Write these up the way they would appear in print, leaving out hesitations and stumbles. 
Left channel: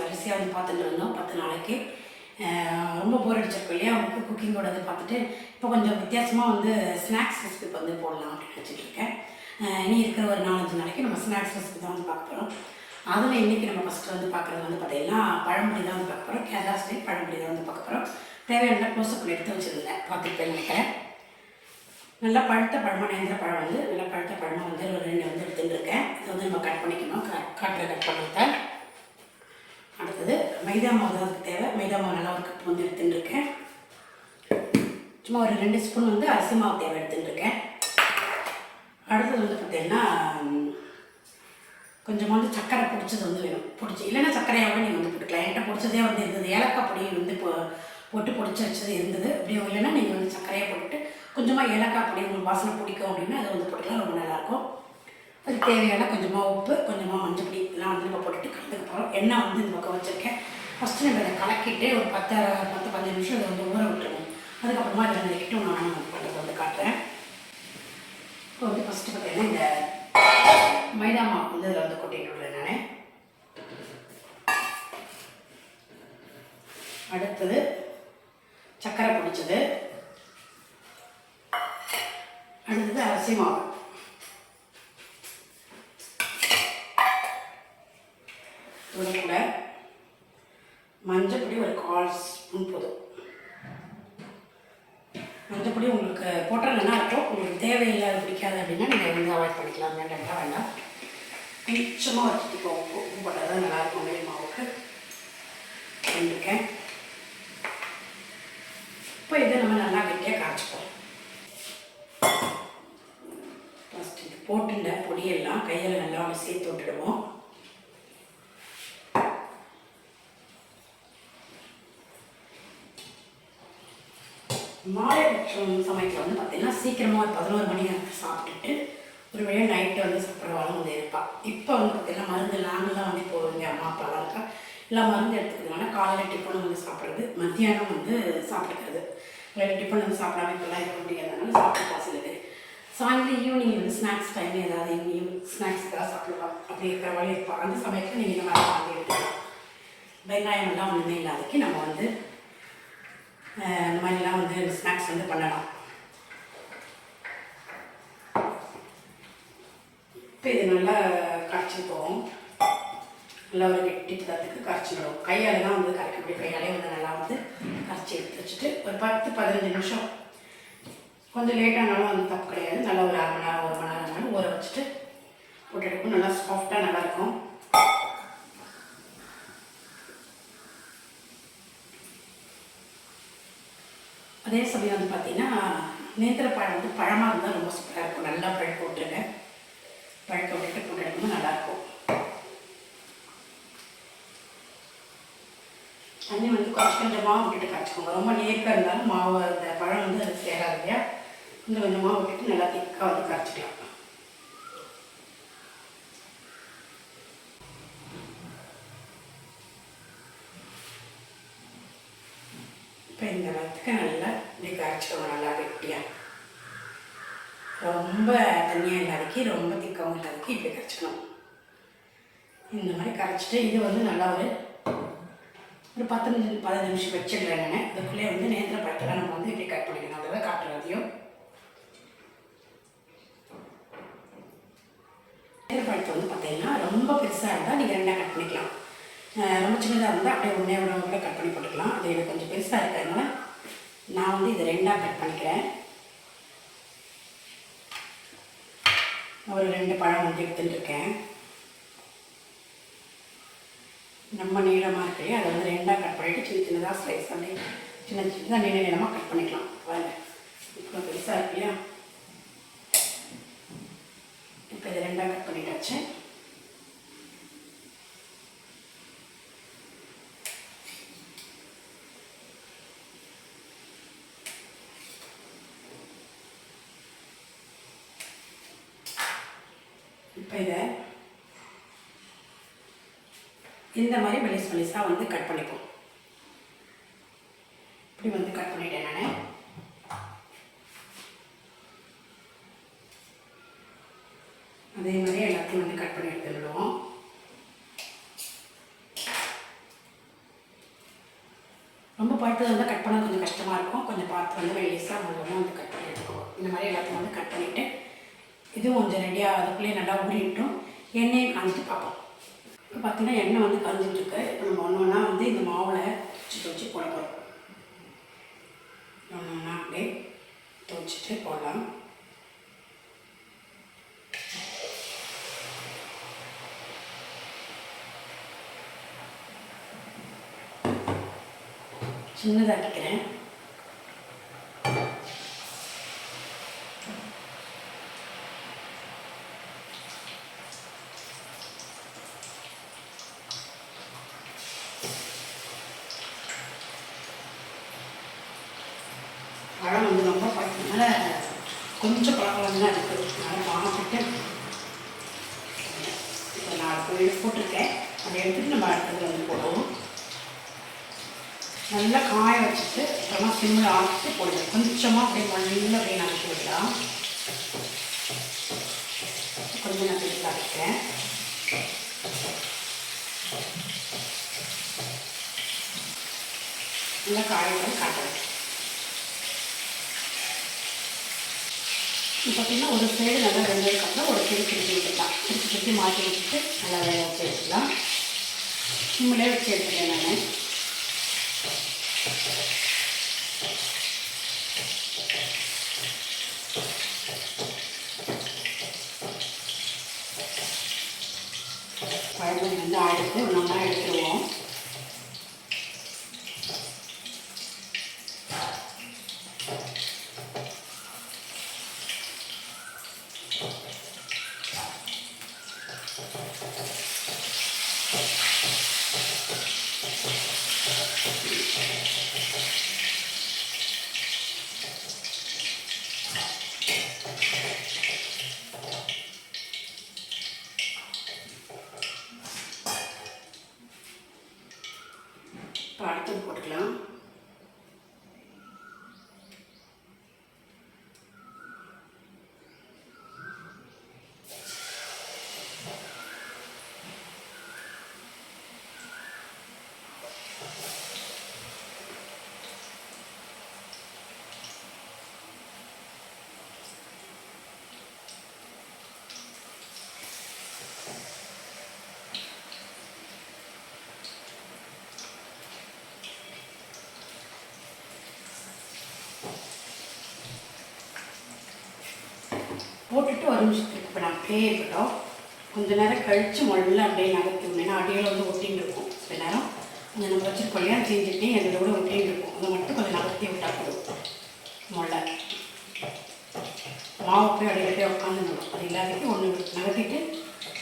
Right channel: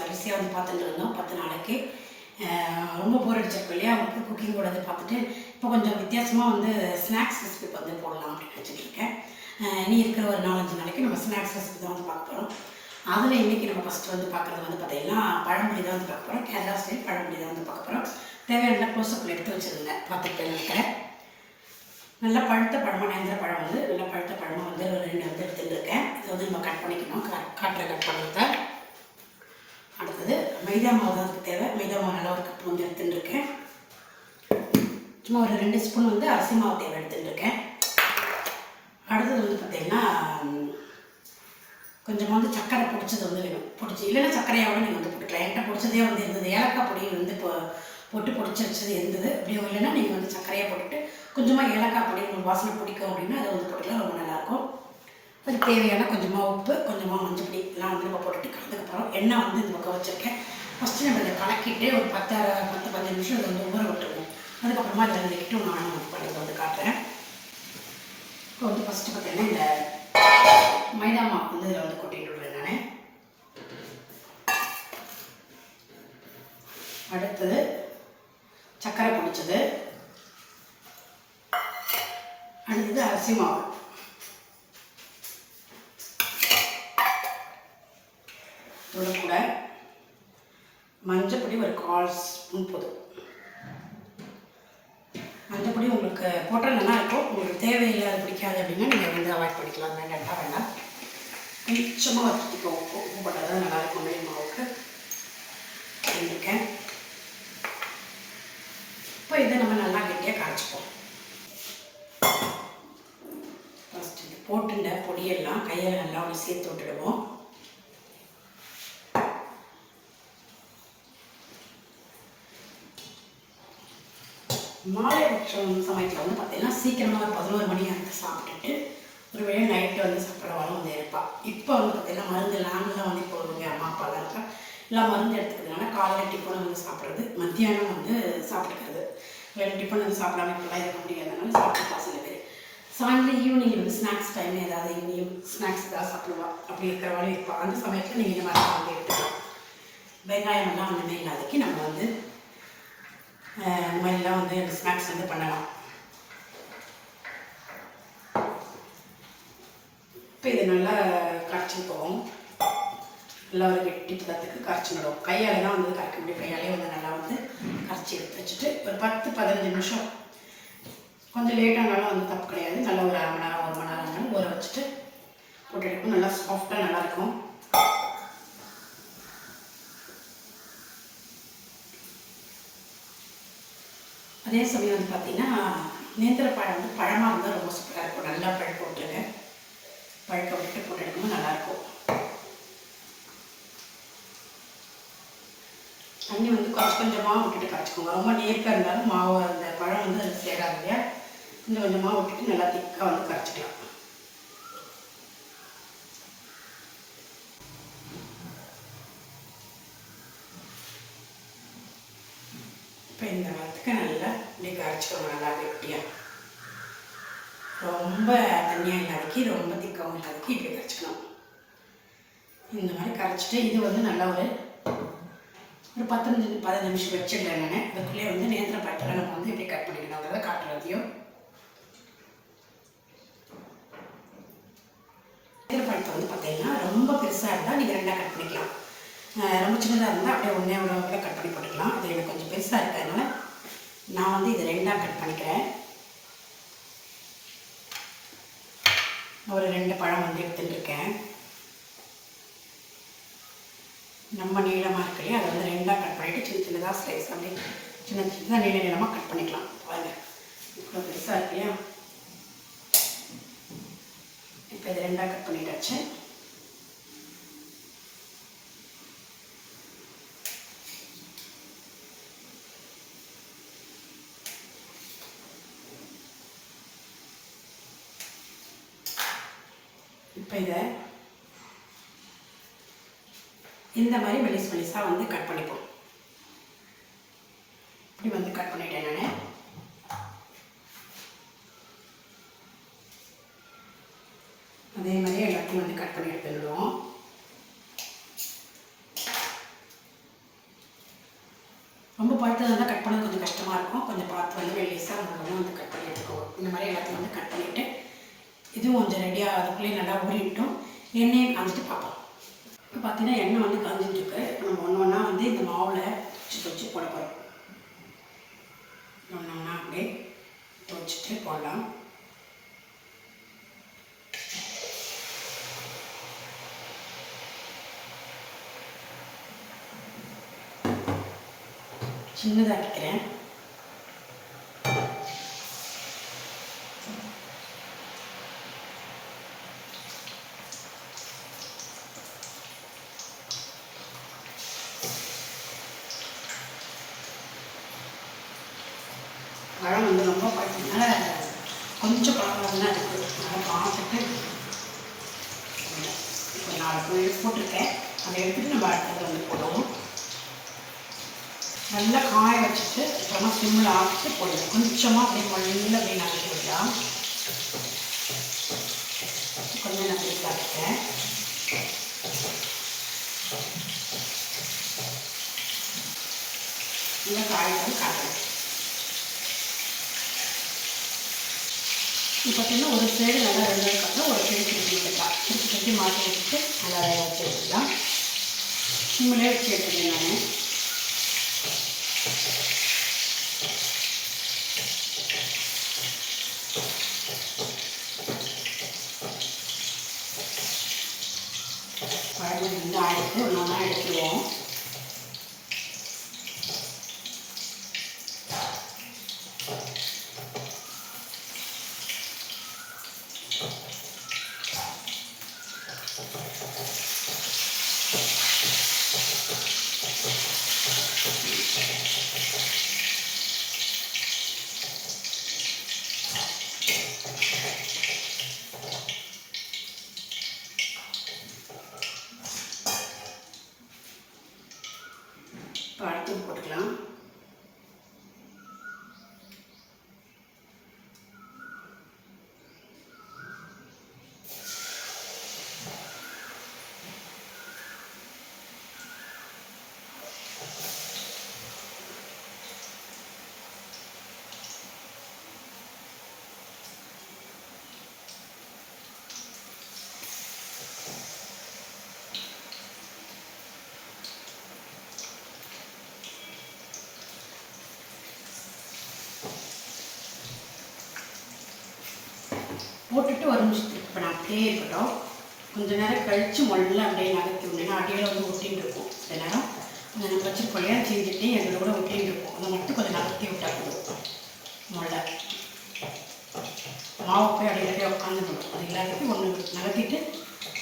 வரிசையாக வந்து பார்த்துட்டு இருந்தோம் 10 நாளைக்கு. ரொம்ப போர் அடிச்சிருக்கும் இல்லையா, அவங்களுக்கு குக்கிங்கோட இதை பார்த்துட்டு இப்போ கொஞ்சம் வித்தியாசமாக வந்து ஸ்நாக்ஸ் ரெசிபி வந்து போடலாம் அப்படின்னு நினச்சிட்ருக்கேன். இனி இருக்கிற ஒரு 4-5 நாளைக்கு நம்ம ஸ்நாக்ஸ் ரெசிபி தான் வந்து பார்க்க போகிறோம். அதில் இன்றைக்கி நம்ம ஃபஸ்ட்டு வந்து பார்க்குறது வந்து பார்த்திங்கன்னா பழம்புரி தான் வந்து பார்க்க போகிறோம். கேரளா ஸ்டைல் பழம்புரி தான் வந்து பார்க்க போகிறோம். தேவையான க்ளோஸ்அப்பில் எடுத்து வச்சுருந்தேன், பார்த்துட்டு நினைக்கிறேன். நல்லா பழுத்த பழமாக நேந்திர பழம் வந்து நல்லா பழுத்த பழமாக வந்து ஒரு 2 வந்து எடுத்துட்டுருக்கேன். இதை வந்து நம்ம கட் பண்ணிக்கணும். கட் பண்ணுறத அடுத்தது மைதா மாவு தான் அதுக்கு தேவை. மைதா மாவு நல்லா ஒரு கப் வந்து எடுத்துட்டுருக்கேன். சும்மா ஒரு 2 ஸ்பூன் வந்து அரிசி மாவு தேவை எடுத்துட்டுருக்கேன். அடுத்தது வந்து பார்த்திங்கன்னா கொஞ்சமாக வந்து சக்கரை பிடிச்சது வந்து வேணும். இல்லைன்னா சர்க்கரையாவோட நீங்கள் வந்து போட்டுக்கலாம். என்கிட்ட பிடிச்சதே வந்து இருந்தது, ஏலக்காய் பொடி வந்து போட்டு பொடிச்சு வச்சது இருந்தது. அப்படியும் இல்லைன்னா நீங்கள் வந்து சர்க்கரையை போட்டுட்டு கொஞ்சமாக ஏலக்காய் பொடி உங்களுக்கு வாசனை பிடிக்கும் அப்படின்னா அதை வந்து போட்டுக்கலாம், ரொம்ப நல்லாயிருக்கும். அதுக்கு தேவையான கொஞ்சமாக உப்பு, கொஞ்சமாக மஞ்சள் பொடி எல்லாம் வந்து நம்ம போட்டுட்டு கலந்துக்கப்புறம் எண்ணெய் வந்து இந்த பக்கம் வச்சுருக்கேன். ஃபஸ்ட்டு நம்ம இதை கலக்கிட்டு ஒரு 10-15 நிமிஷம் இதை வந்து ஊற விட்டுருவோம். அதுக்கப்புறமா இதில் நினைக்கிட்டு நான் வந்து பண்ணுறதை வந்து காட்டுறேன். இப்போ வந்து ஃபஸ்ட்டு பார்த்தீங்கன்னா இந்த மைதா மாவு வந்து இதில் வந்து கொட்டிட்டு விடுறேன் நான். அடுத்தது சர்க்கரை பிடிச்சது, அடுத்தது அரிசி மாவு, இதோட கூட மஞ்சள் பொடி ஒரு 1/4 ஸ்பூன் போதும். மஞ்சள் பொடி உங்களுக்கு போட்டால் நல்லா இருக்கும். உங்களுக்கு தேவையில்லை பிடிக்காது அப்படின்னா நீங்கள் வந்து அவாய்ட் பண்ணிக்கலாம், வேண்டாம். கொஞ்சமாக வச்சுட்டு உப்பு போட்டால் தான் நல்லாயிருக்கும். மேல் மாவுக்கு செஞ்சுருக்கேன். இப்போ இதை நம்ம நல்லா கெட்டியாக காய்ச்சிப்போம். ஃபஸ்ட் இது போட்டுட்ட பொடியெல்லாம் கையில் நல்லா ஒன்று சேர்த்து விட்டுடுவோம். மாலை சமயத்தில் வந்து பார்த்திங்கன்னா சீக்கிரமாக ஒரு 11 மணி நேரத்துக்கு சாப்பிட்டுட்டு ஒரு வேளை நைட்டு வந்து சாப்பிட்றவாலும் வந்து இருப்பாள். இப்போ வந்து பார்த்திங்கன்னா மருந்து நாங்கள்லாம் வந்து இப்போ இங்கே அம்மா அப்பாலாம் இருக்கா எல்லாம் மருந்து எடுத்துக்கிறதுனால காலையில் டிஃபனை வந்து சாப்பிட்றது, மத்தியானம் வந்து சாப்பிட்டுக்கிறது. வேறு டிஃபன் வந்து சாப்பிடாம இப்போலாம் இருக்க முடியாதனால சாப்பிட்டுப்பா சில பேர். சாயந்தரம் ஈவினிங் வந்து ஸ்நாக்ஸ் டைம் ஏதாவது ஈவினிங் ஸ்நாக்ஸ் ஏதாவது சாப்பிடுவா, அப்படி இருக்கிறவாலும் இருப்பாள். அந்த சமயத்தில் நீங்கள் இந்த மாதிரி வந்து எடுத்துக்கலாம். வெங்காயம் எல்லாம் ஒன்றுமே இல்லாதக்கு நம்ம வந்து இந்த மாதிரிலாம் வந்து ஸ்நாக்ஸ் வந்து பண்ணலாம். இப்போ இது நல்லா கரைச்சி போகும். நல்லா ஒரு கெட்டி பதத்துக்கு கரைச்சிடும். கையால் தான் வந்து கரைக்க முடியும். கையாலே வந்து நல்லா வந்து கரைச்சி எடுத்து வச்சுட்டு ஒரு 10-15 நிமிஷம், கொஞ்சம் லேட்டானாலும் வந்து தப்பு கிடையாது. நல்லா ஒரு 1/2 மணி நேரம் 1 மணி நேரம் ஆனாலும் ஊற வச்சுட்டு போட்டு எடுக்கும். நல்லா சாஃப்டாக நல்லாயிருக்கும். அதே சமயம் வந்து பார்த்திங்கன்னா நேந்திர பழம் வந்து பழமாக இருந்தால் ரொம்ப சூப்பராக இருக்கும். நல்லா பழுக்க விட்டுருங்க. பழுக்க விட்டுட்டு போட்டு எடுக்கும்போது நல்லாயிருக்கும். தண்ணி வந்து கொஞ்சமாக விட்டுட்டு கரைச்சிக்கோங்க. ரொம்ப நேர்க்க இருந்தாலும் மாவு அந்த பழம் வந்து அது சேராது இல்லையா, கொஞ்சமாக விட்டுட்டு நல்லா திக்காக வந்து கரைச்சிக்கலாம். இப்போ இந்த நேரத்துக்கு நல்லா இப்படி கரைச்சிக்கோங்க. நல்லா கெட்டியாக, ரொம்ப தண்ணியாக இல்லாதக்கு ரொம்ப திக்காகவும் இல்லாதக்கு இப்படி கரைச்சிக்கணும். இந்த மாதிரி கரைச்சிட்டு இது வந்து நல்லா ஒரு 10-15 நிமிஷம் வச்சிடுறேன் நான். அதுக்குள்ளேயே வந்து நேந்திர பழத்தெல்லாம் நம்ம வந்து இப்படி கட் பண்ணிக்கணும். அதை காட்டுறதையும் நேந்திர பழத்தை வந்து பார்த்தீங்கன்னா ரொம்ப பெருசாக இருந்தால் நீங்கள் 2ஆக கட் பண்ணிக்கலாம். ரொம்ப சின்னதாக இருந்தால் அப்படியே ஒன்றே கூட கட் பண்ணி போட்டுக்கலாம். அது எனக்கு கொஞ்சம் பெருசாக இருக்கிறதுனால நான் வந்து இதை 2ஆக கட் பண்ணிக்கிறேன். ஒரு 2 பழம் வந்து எடுத்துட்டுருக்கேன். நம்ம நீளமாக இருக்கு இல்லையா, அதை வந்து 2ஆக கட் பண்ணிவிட்டு சின்னதாக ஸ்லைஸ் பண்ணி சின்னதாக நீளமாக கட் பண்ணிக்கலாம். வாங்க, இப்போ பெருசாக இருக்கு இல்லையா, இப்போ இதை 2ஆக கட் பண்ணிட்டாச்சு. இப்போ இதை இந்த மாதிரி மெலிசாக வந்து கட் பண்ணிப்போம். இப்படி வந்து கட் பண்ணிட்டேன் நான். அதே மாதிரி எல்லாத்தையும் வந்து கட் பண்ணி எடுத்துடுவோம். ரொம்ப பழுத்தது வந்து கட் பண்ண கொஞ்சம் கஷ்டமாக இருக்கும். கொஞ்சம் பார்த்து வந்து மெல்லிசாக முழுவதும் வந்து கட் பண்ணி எடுத்துக்கணும். இந்த மாதிரி எல்லாத்தையும் வந்து கட் பண்ணிவிட்டு இதுவும் கொஞ்சம் ரெடியாக அதுக்குள்ளேயே நல்லா ஊறிட்டும் எண்ணெயை காஞ்சிட்டு பார்ப்போம். இப்போ பார்த்தீங்கன்னா எண்ணெய் வந்து காஞ்சிட்டுருக்கு. இப்போ நம்ம ஒன்று ஒன்றா வந்து இந்த மாவில் வச்சு போட போகிறோம். ஒன்று ஒன்றா அப்படியே துவச்சிட்டு போடலாம். சின்னதாக்கிக்கிறேன். பழம் வந்து ரொம்ப பழத்தினால கொஞ்சம் பழம் தான் இருக்குது. அதனால் பார்த்துட்டு இப்போ 4 கோழி போட்டிருக்கேன். அதை எடுத்துகிட்டு நம்ம அடுத்தது வந்து போடுவோம். நல்லா காய வச்சுட்டு அப்புறமா சிம்மில் ஆக்கிட்டு போடுவோம். கொஞ்சமாக அப்படியே மண்ணில் அப்படியே நறுக்கி விடலாம். கொஞ்சம் நான் வீட்டில் இருக்கேன். நல்லா காய்கறி காட்டணும். இப்போ பார்த்தீங்கன்னா ஒரு சைடு நல்லா வெந்ததுக்கப்புறம் ஒரு சைடு திருப்பி வச்சுக்கலாம். திருப்பி மாற்றி வச்சுட்டு நல்லா வேக வச்சு எடுத்துக்கலாம். சிம்மிலே வச்சு எடுத்துக்கிறேன் நான். பழம் வந்து ஆயிடுத்து ஒன்றா எடுத்துருவோம். அடுத்து போட்டுக்கலாம். போட்டுட்டு ஒரு நிமிஷத்துக்கு இப்போ நான் அப்படியே இருக்கட்டும். கொஞ்சம் நேரம் கழித்து மொல்ல அப்படியே நகர்த்தி ஏன்னா அடியில் வந்து ஒட்டின்னு இருக்கும். சில நேரம் கொஞ்சம் நம்ம வச்சுருக்கோம் இல்லையா செஞ்சுட்டு எங்களோட கூட ஒட்டின்னு இருக்கும். அதை மட்டும் கொஞ்சம் நகர்த்தி விட்டால் போதும். மொல்ல மாவு போய் அப்படியே உட்காந்துடும். அது எல்லாத்தையும் ஒன்று நகர்த்திட்டு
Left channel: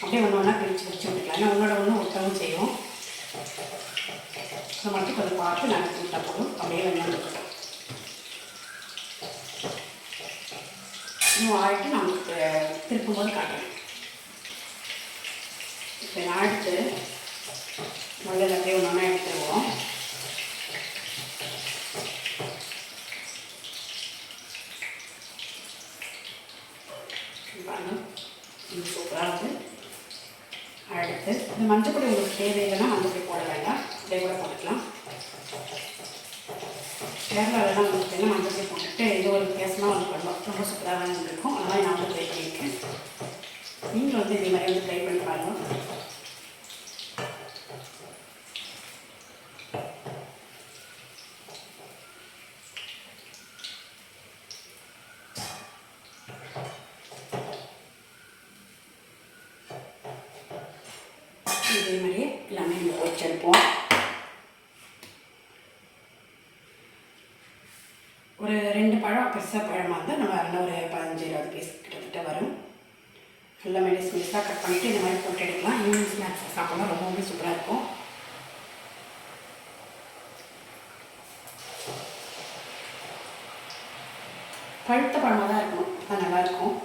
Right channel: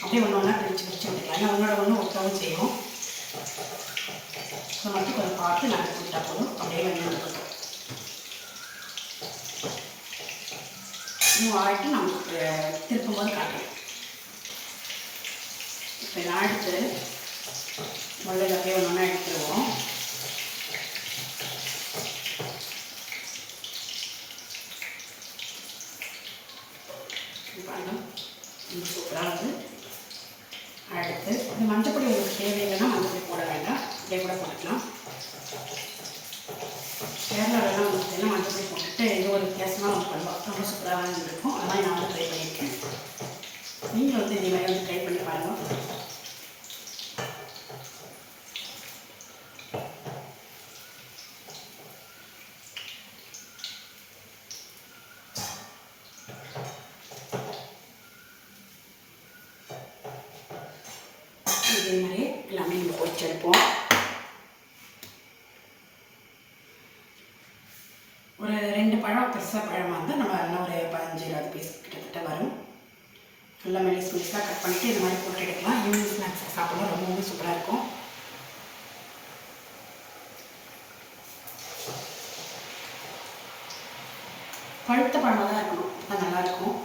அப்படியே ஒன்று ஒன்றா பிரித்து விட்டுக்கலாம். ஏன்னா ஒன்றோட ஒன்று ஒட்டவும் செய்யும். அதை மட்டும் கொஞ்சம் பார்த்து நகர்த்தி விட்டால் போதும். அப்படியே வெந்துடும். இன்னும் ஆகிட்டு நமக்கு திருப்பும்போது காட்டுறேன். இப்போ நான் எடுத்து மொழியில் அப்படியே ஒன்று ஒன்றா எடுத்துருவோம். இது சூப்பராக வந்து அடுத்து இந்த மஞ்சள் பொடி உங்களுக்கு தேவையில்லைன்னா மஞ்சள் பொடி போட வேண்டாம். அப்படியே கூட போட்டுக்கலாம். கேரளாவிலாம் வந்து மஞ்சள் பொடி போட்டுட்டு ஏதோ ஒரு வித்தியாசமாக வந்து பண்ணுவோம். ரொம்ப சூப்பராக இருக்கும். அதனால் நான் வந்து ட்ரை பண்ணியிருக்கேன். நீங்கள் வந்து இதே மாதிரி வந்து ட்ரை பண்ணி பாருங்கள். இதே மாதிரி எல்லாமே நம்ம பொரிச்செடுப்போம். ஒரு 2 பழம் பெருசாக பழமாக இருந்தால் நம்ம நல்லா ஒரு 15-20 பீஸ் கிட்டத்தட்ட வரும். நல்லா மெலிசாக கட் பண்ணிவிட்டு இந்த மாதிரி போட்டு எடுக்கலாம். ஈவினிங் ஸ்நாக்ஸ் சாப்பிடலாம் ரொம்பவே சூப்பராக இருக்கும். பழுத்த பழமாக தான் இருக்கணும். அது நல்லாயிருக்கும்.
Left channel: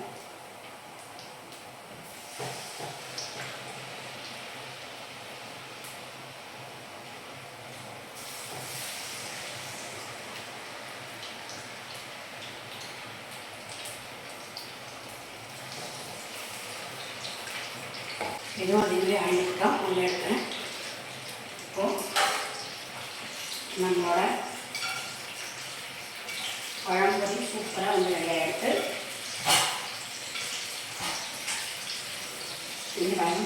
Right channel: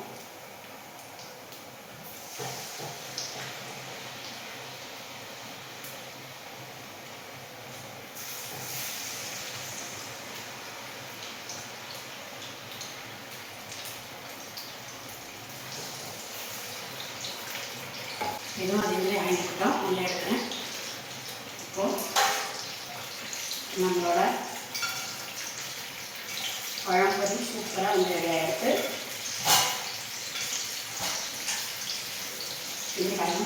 இதுவும் அதே மாதிரி ஆகிட்டுட்டோம். நல்லா எடுக்கிறேன். இப்போது நம்ம நம்மளோட பழம்பொரி சூப்பராக வந்து ரெடி ஆகிடுது. இது பாருங்க,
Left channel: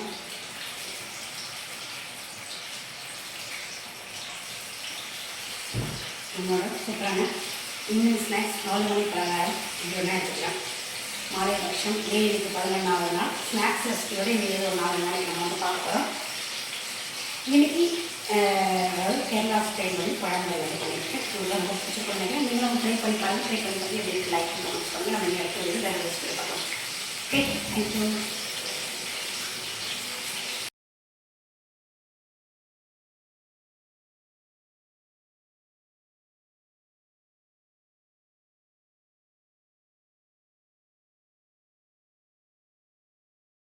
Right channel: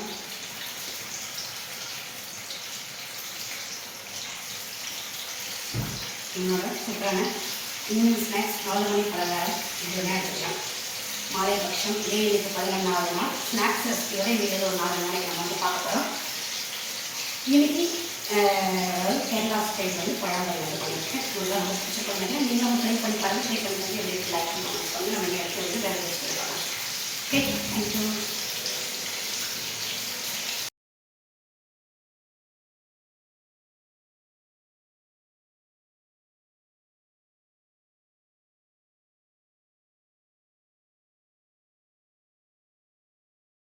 நம்மளோட சூப்பரான ஈவினிங் ஸ்நாக்ஸ் 4 மணி பலகாரம் இது என்ன எடுத்துக்கலாம். மாலை பட்சம் ஏழுக்கு 11வது நாள் ஸ்நாக்ஸ் ரெசிபியோட இன்றைக்கி ஒரு 4 நாளைக்கு நம்ம வந்து பார்க்க போகிறோம். இன்றைக்கி கேரளா ஸ்டைல் வந்து பழங்கள் வந்து பண்ணியிருக்கேன். உங்களுக்கு ரொம்ப பிடிச்சி பண்ணுங்க. நீங்களும் ட்ரை பண்ணி பாருங்கள். ட்ரை பண்ணி எப்படி லைக் பண்ணி நம்ம இந்த இடத்துல வந்து வேறு ரெசிபி பார்க்கலாம். Okay, thank you.